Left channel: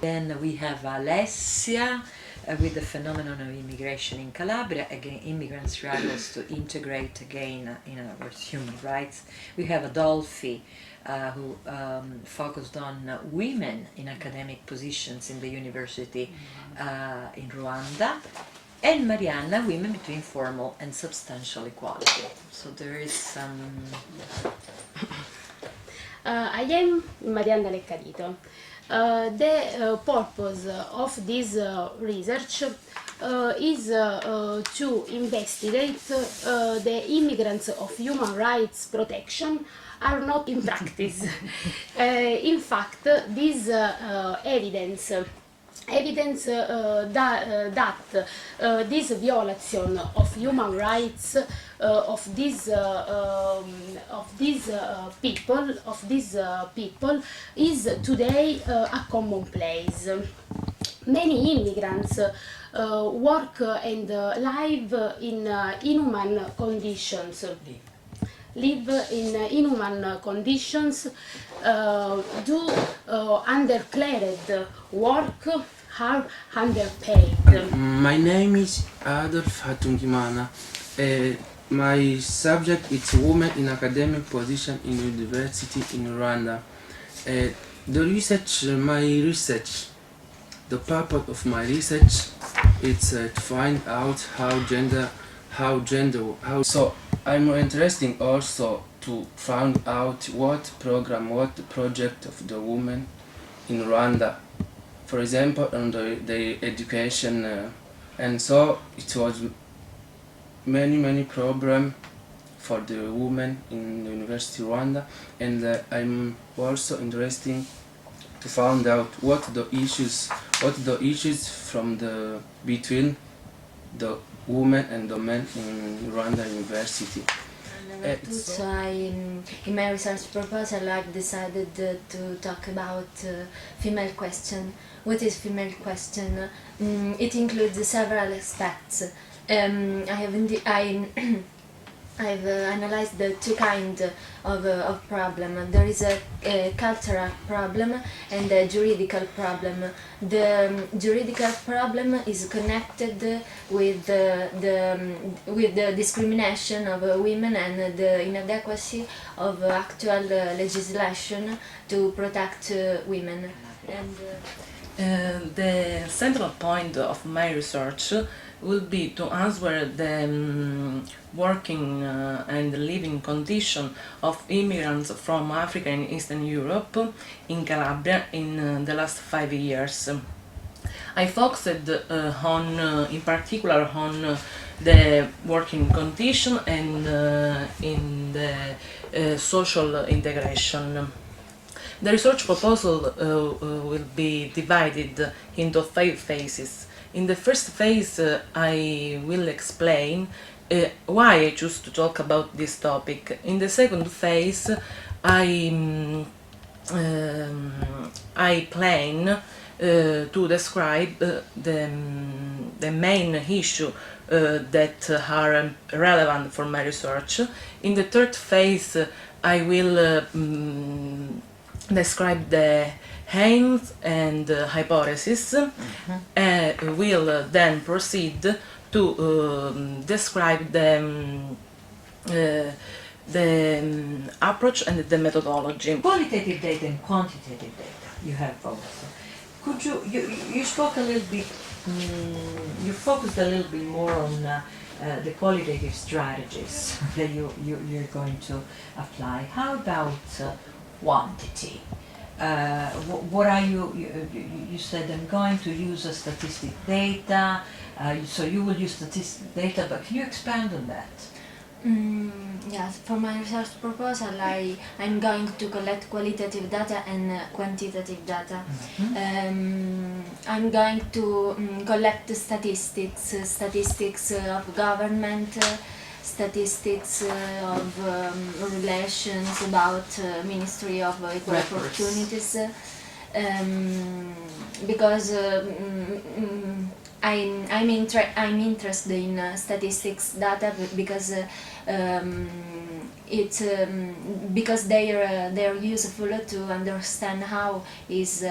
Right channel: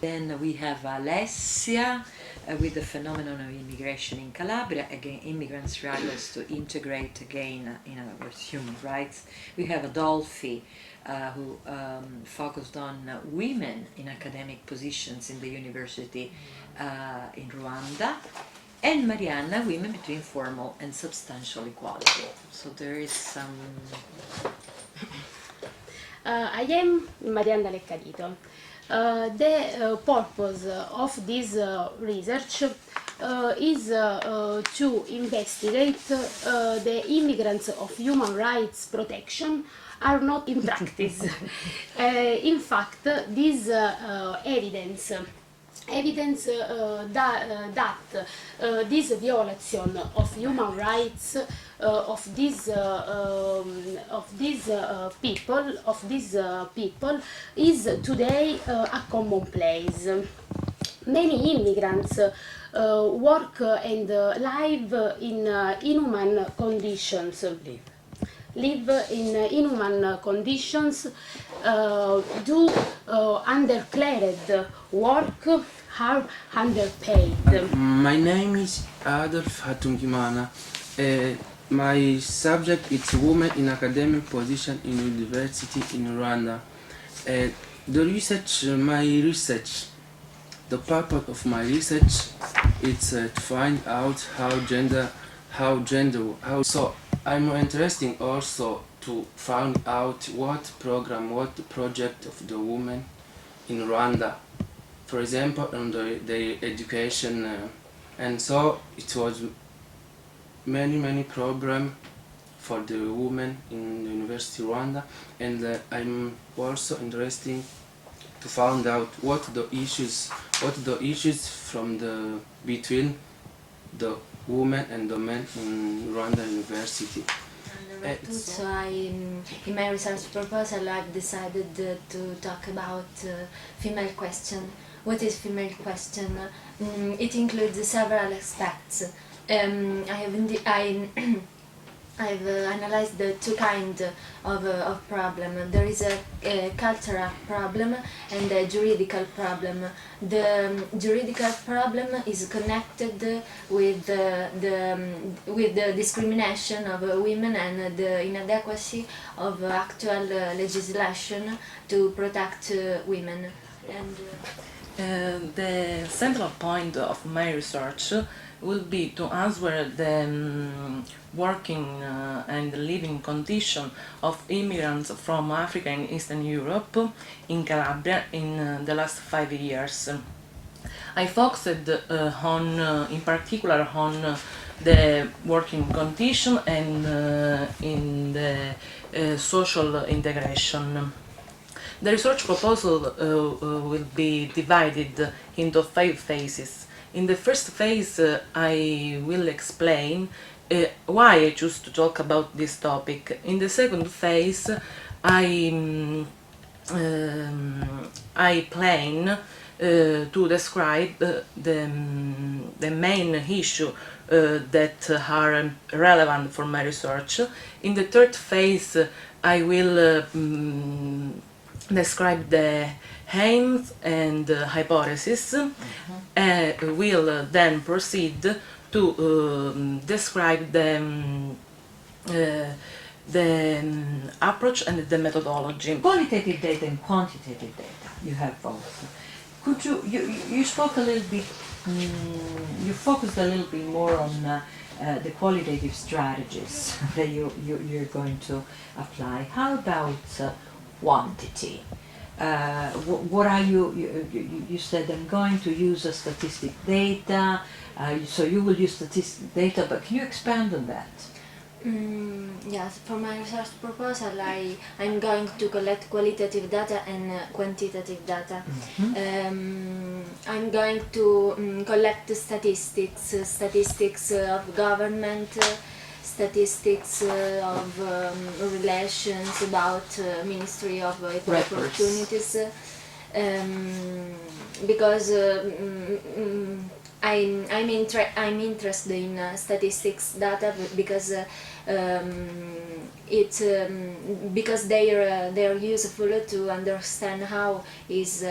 Then we have Alessia with the phenomenon of immigration in Calabria, again immigrant struggles to integrate again, in other words, human rights. We have Adolfi who focused on women in academic positions in the university in Rwanda, and Marianna, women between formal and substantial equality. So there is some... I am Marianna Leccadito. The purpose of this research is to investigate the immigrants of human rights protection are not in practice. In fact, this evidence that this violation of human rights of these people is today a commonplace. Many immigrants work and live in inhuman conditions. Live in inhuman conditions, do undeclared work, are underpaid. My name is Adolf Hatungimana. My subject is women in academic position in university in Rwanda. The purpose of my research is to find out so I'm interested also to find out what project of the women in Rwanda, for example, on the education, and so it was many problem for the women in the University of Rwanda, and I'm also interested to find out what the issues between the women and the men in Rwanda University. So in my research proposal, I've decided to talk about female question. What is female question? It includes several aspects. I've analyzed the two kinds of problem. There is a cultural problem and a juridical problem. The juridical problem is connected with the discrimination of women and the inadequacy of actual legislation to protect women. The central point of my research will be to answer the working and living condition of immigrants from Africa and Eastern Europe in Calabria in the last 5 years. I focused in particular on the working condition and in the social integration. The research proposal will be divided into 5 phases. In the first phase, I will explain why I choose to talk about this topic. In the second phase, I plan to describe the main issue that are relevant for my research. In the third phase, I will describe the aims and hypotheses, and will then proceed to describe the approach and the methodology. Qualitative data and quantitative data, you have both. Could you spoke a little bit, you focused a little bit more on the qualitative strategies that you're going to apply. How about quantity? What are you said I'm going to use a statistic data, so you will use statistic data, but can you expand on that? Yes, for my research proposal, I'm going to collect qualitative data and quantitative data. I'm going to collect statistics of government, statistics of relations about Ministry of Equal Opportunities, because I'm interested in statistics data because because they're useful to understand how this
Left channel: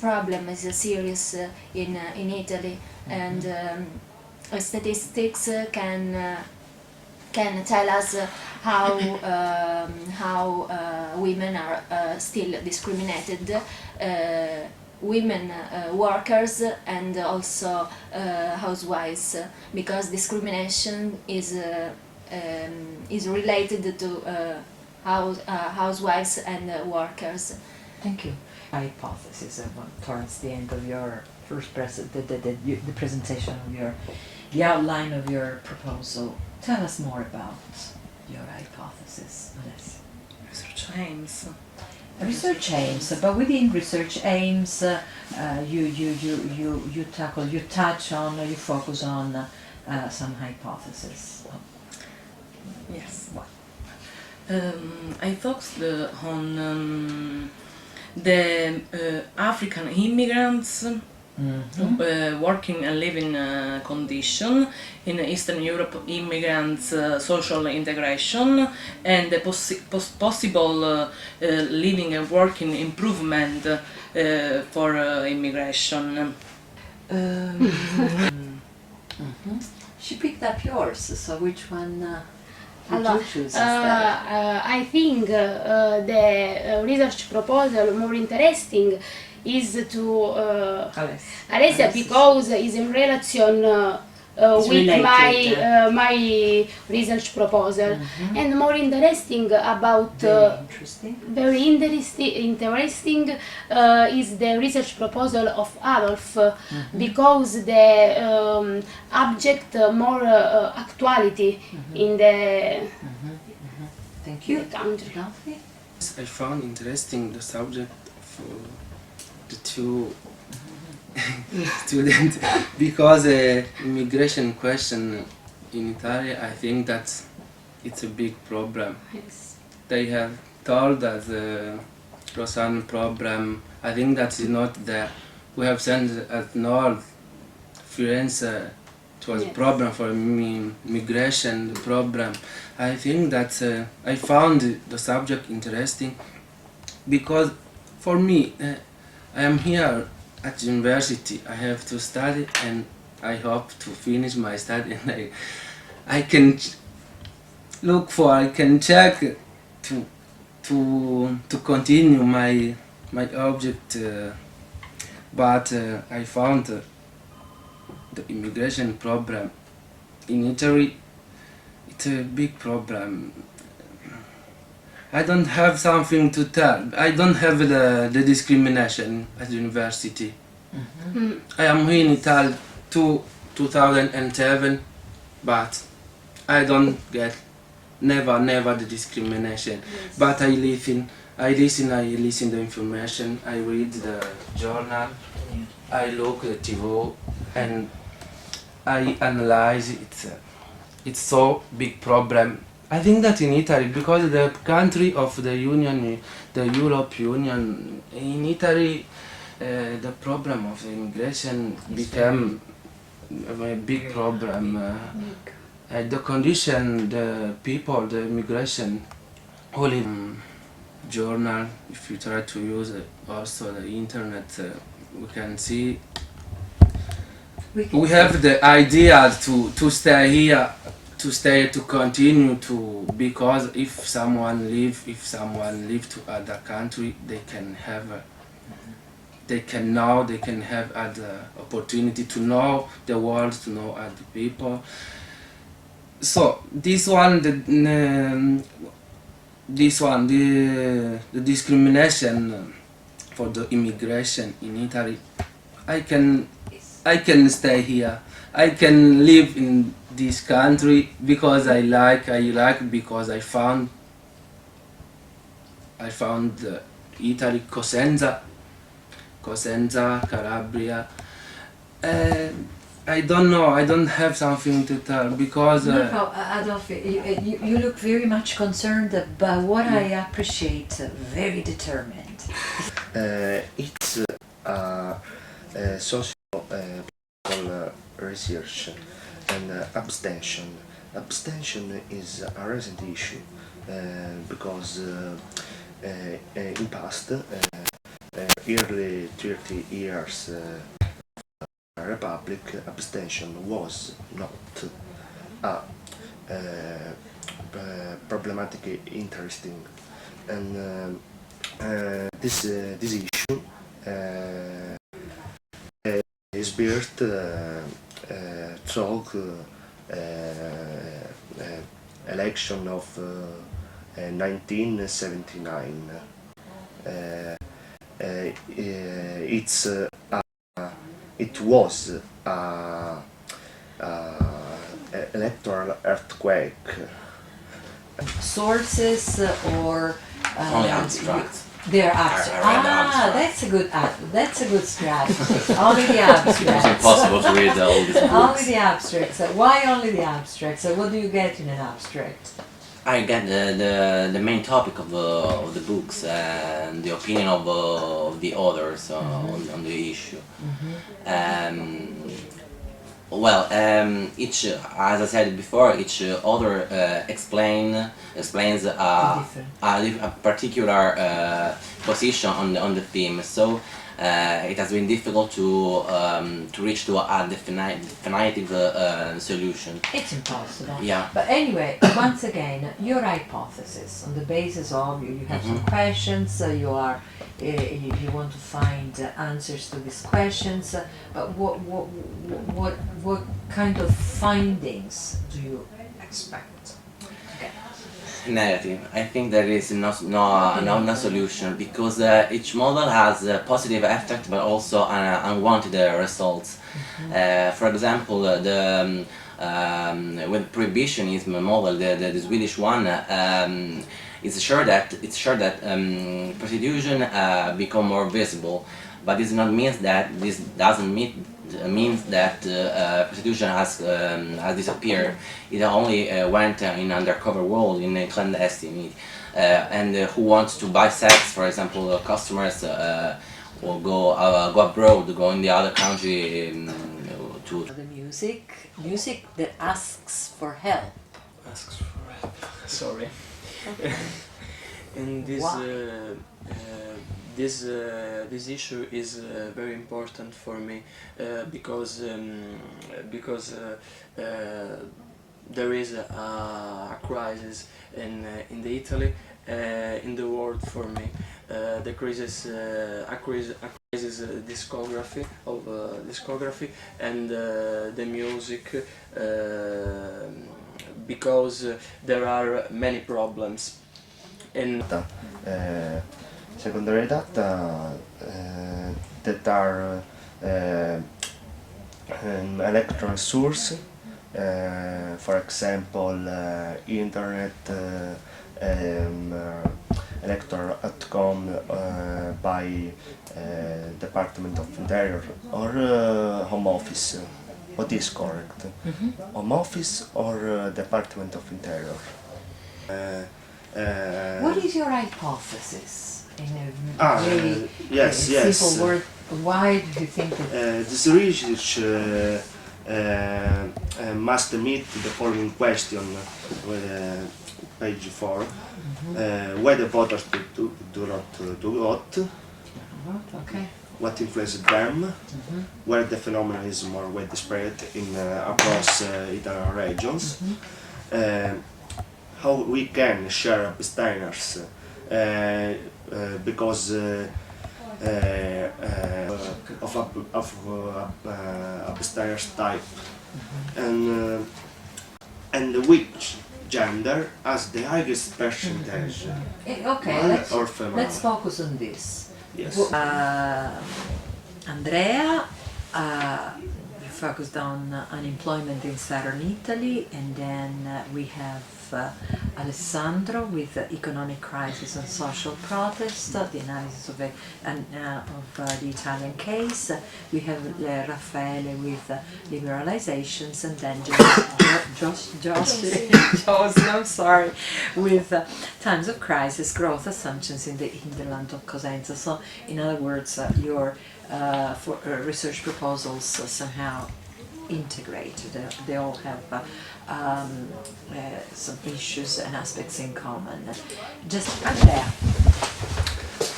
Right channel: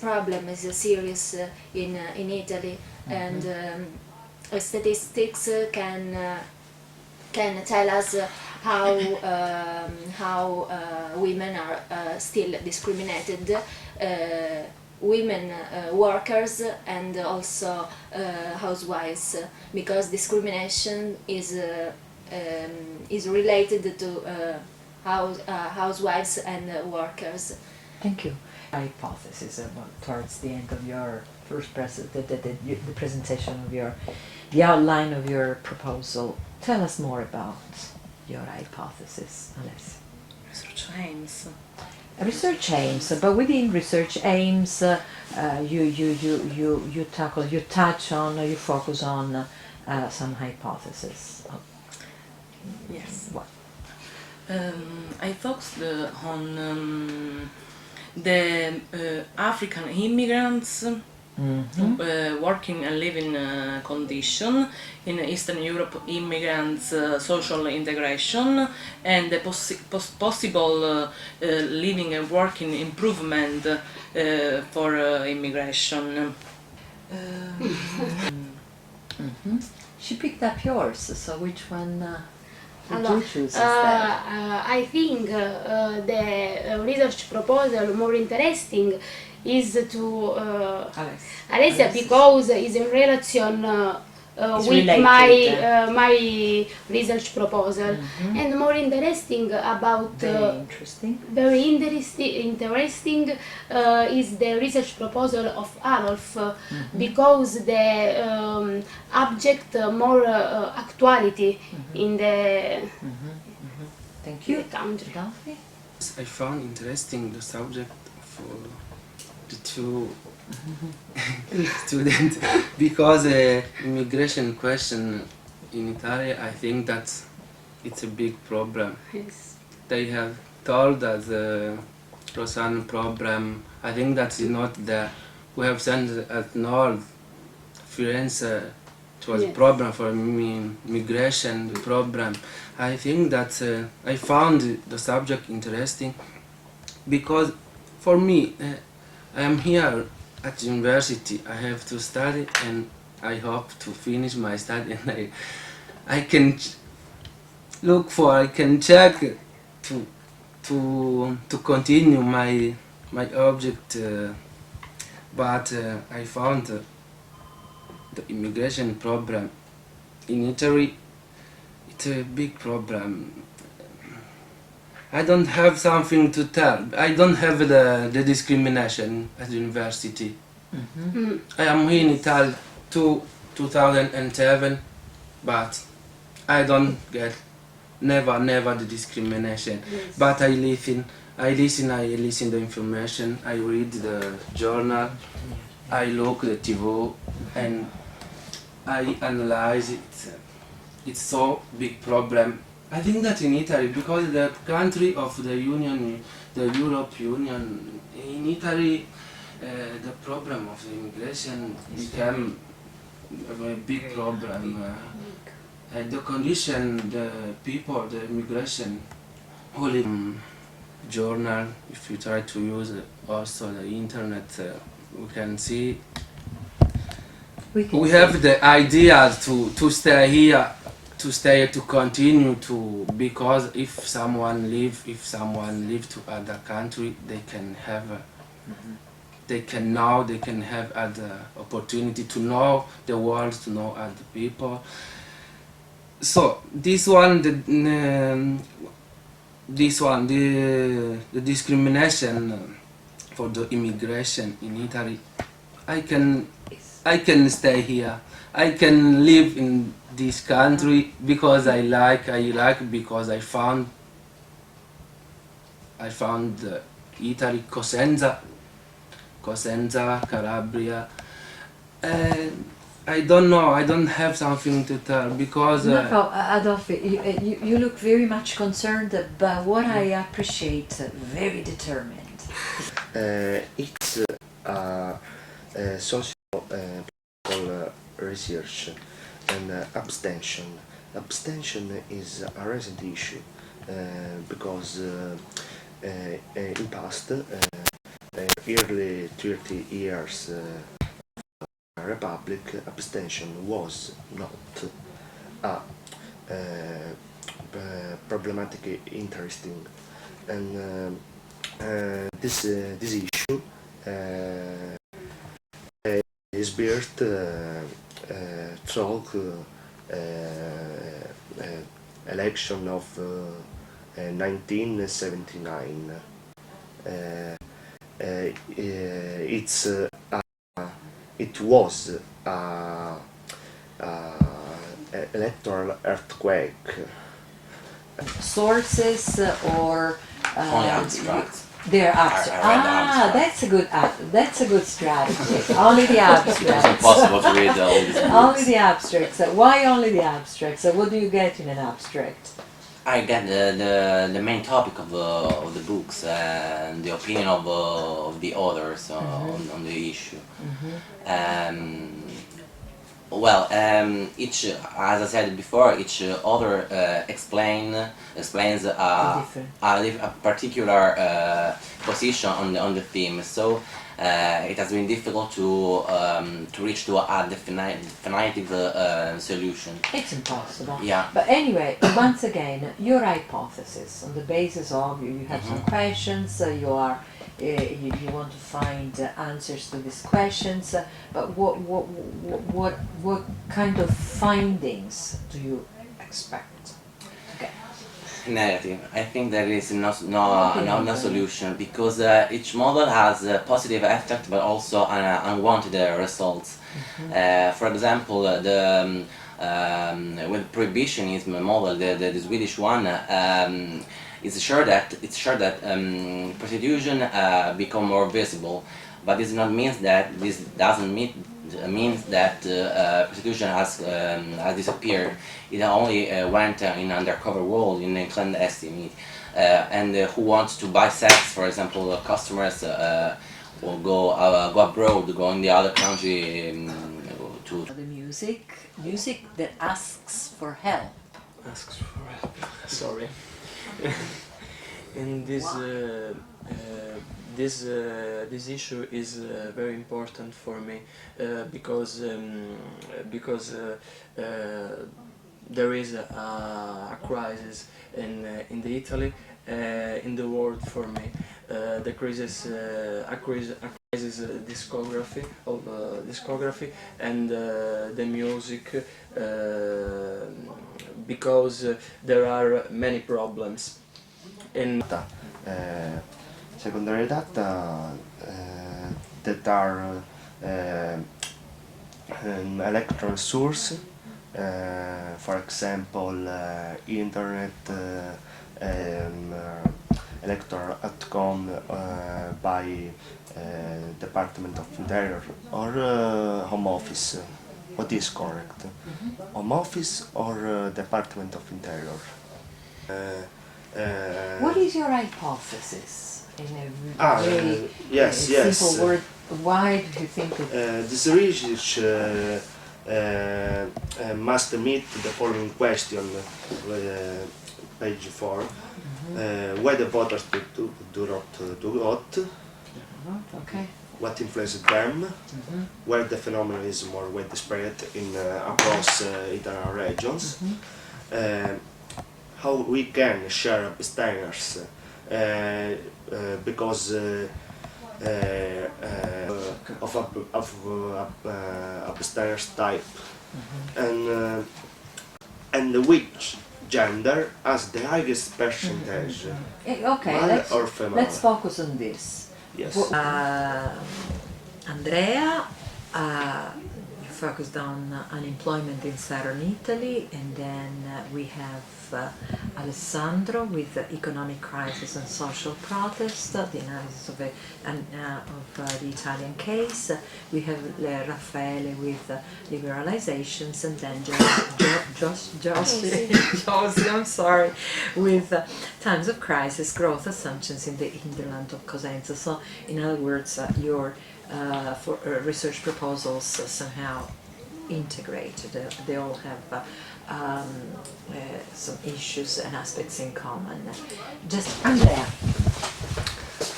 problem is serious in Italy, and statistics can tell us how women are still discriminated, women workers and also housewives, because discrimination is related to housewives and workers. Thank you. Hypothesis towards the end of your first the presentation of the outline of your proposal. Tell us more about your hypothesis, Alessia. Research aims. Research aims, but within research aims, you touch on, you focus on some hypotheses. Yes. What? I focused on the African immigrants working and living condition in Eastern Europe, immigrants social integration, and the possible living and working improvement for immigration. She picked up yours, so which one did Allora, you choose instead? I think the research proposal more interesting is to Alessia, because it's in relation It's with related. my research proposal, and more interesting about Very interesting. very interesting is the research proposal of Adolf, because the object more actuality in the Thank in you. the country. Adolfi? I found interesting the subject of the two students because immigration question in Italy, I think that it's a big problem. Yes. They have told that the Rosanne problem, I think that is not there. We have sent at North Firenze, it was a Yes. problem for migration problem. I think that I found the subject interesting because for me, I am here at university. I have to study and I hope to finish my study and I can I can check to continue my object, but I found the immigration problem in Italy. It's a big problem. I don't have something to tell. I don't have the discrimination at university. I am here in Italy 2007, but I don't get never the discrimination. Yes. But I listen the information. I read the journal. I look at the TV and I analyze it. It's so big problem. I think that in Italy, because the country of the Union, the Europe Union, in Italy, the problem of the immigration became a big problem. The condition, the people, the immigration, who live in journal, if you try to use also the internet, we can see we have the idea to stay here, to continue to, because if someone live to other country, they can have they can have other opportunity to know the world, to know other people. So this one, the discrimination for the immigration in Italy, I can stay here. I can live in this country because I like because I found Italy, Cosenza, Calabria. I don't know. I don't have something to tell because No, Adolfi, you look very much concerned, but what I appreciate, very determined. It's a social research and abstention. Abstention is a recent issue because in past early 30 years Republic, abstention was not a problematic interesting, and this issue is birthed through election of 1979. It was a electoral earthquake. Sources or Only abstracts. they're abstract. I read the abstract. That's a good strategy. Only the abstracts. It's impossible to read all these books. Only the abstracts. Why only the abstracts? What do you get in an abstract? I get the main topic of the books and the opinion of the authors on the issue. Each, as I said before, each author explains a particular position on the theme. So it has been difficult to reach to a definitive solution. It's impossible. Yeah. But anyway, once again, your hypothesis on the basis of you have some questions. So you want to find answers to these questions. But what kind of findings do you expect? Okay. Negative. I think there is no solution because each model has a positive effect but also unwanted results. For example, with prohibitionism model, the Swedish one, it's sure that prostitution become more visible, but this doesn't mean that prostitution has disappeared. It only went in undercover world, in a clandestine. And who wants to buy sex, for example, customers will go abroad, go in the other country to. The music that asks for help. Asks for help. Sorry. And this issue is very important for me because there is a crisis in Italy, in the world for me. The crisis, a crisis discography and the music, because there are many problems. Secondary data that are an electron source, for example, internet, electoral.com by Department of Interior, or Home Office. What is correct? Home Office or Department of Interior? What is your hypothesis? In a very simple word, why do you think that? This research must meet the following question with page 4. Why the voters do not vote? Okay. What influenced them? Where the phenomenon is more widespread in across Italian regions? How we can share abstainers because of abstainers type, and which gender has the highest percentage, Okay, male or female? let's focus on this. Yes. Andrea, you focused on unemployment in southern Italy, and then we have Alessandro with economic crisis and social protest, the analysis of the Italian case. We have Raffaele with liberalizations, and then Josie, I'm sorry, with times of crisis, growth assumptions in the hinterland of Cosenza. So, in other words, your research proposals somehow integrated. They all have some issues and aspects in common. Just Andrea.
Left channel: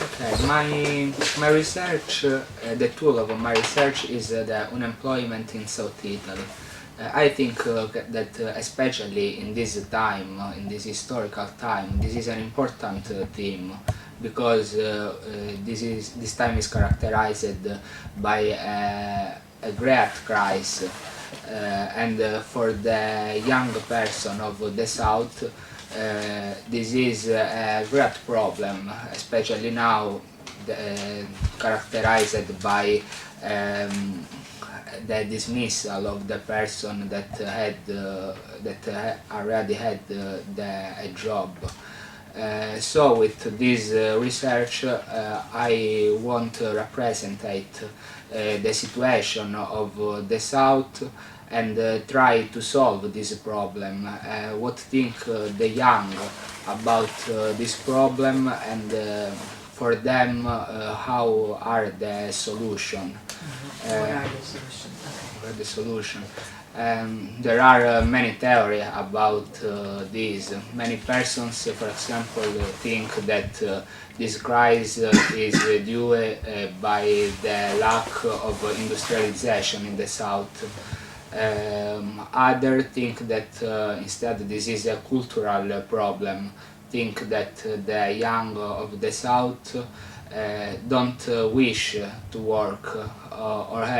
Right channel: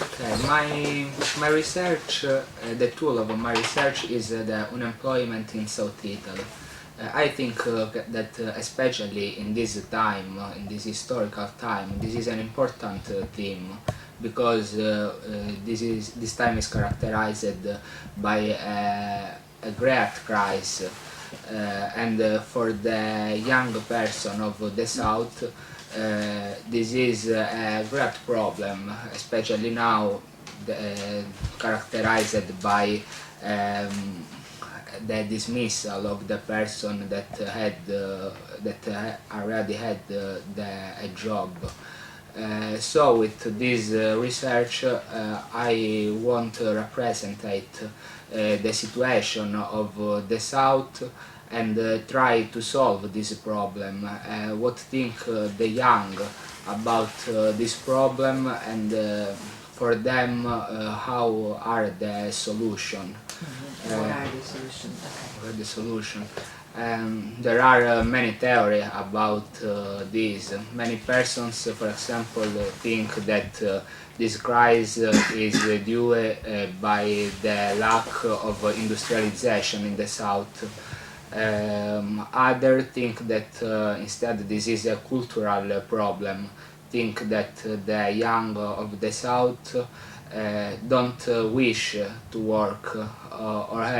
Okay, my research, the tool of my research is the unemployment in South Italy. I think that especially in this time, in this historical time, this is an important theme, because this time is characterized by a great crisis, and for the young person of the South, this is a great problem, especially now, characterized by the dismissal of the person that already had a job. So with this research, I want to represent the situation of the South and try to solve this problem. What think the young about this problem, and for them, how are the solution? What are the solutions? Okay. The solution. There are many theories about this. Many persons, for example, think that this crisis is due by the lack of industrialization in the South. Others think that instead this is a cultural problem. Think that the young of the South don't wish to work or have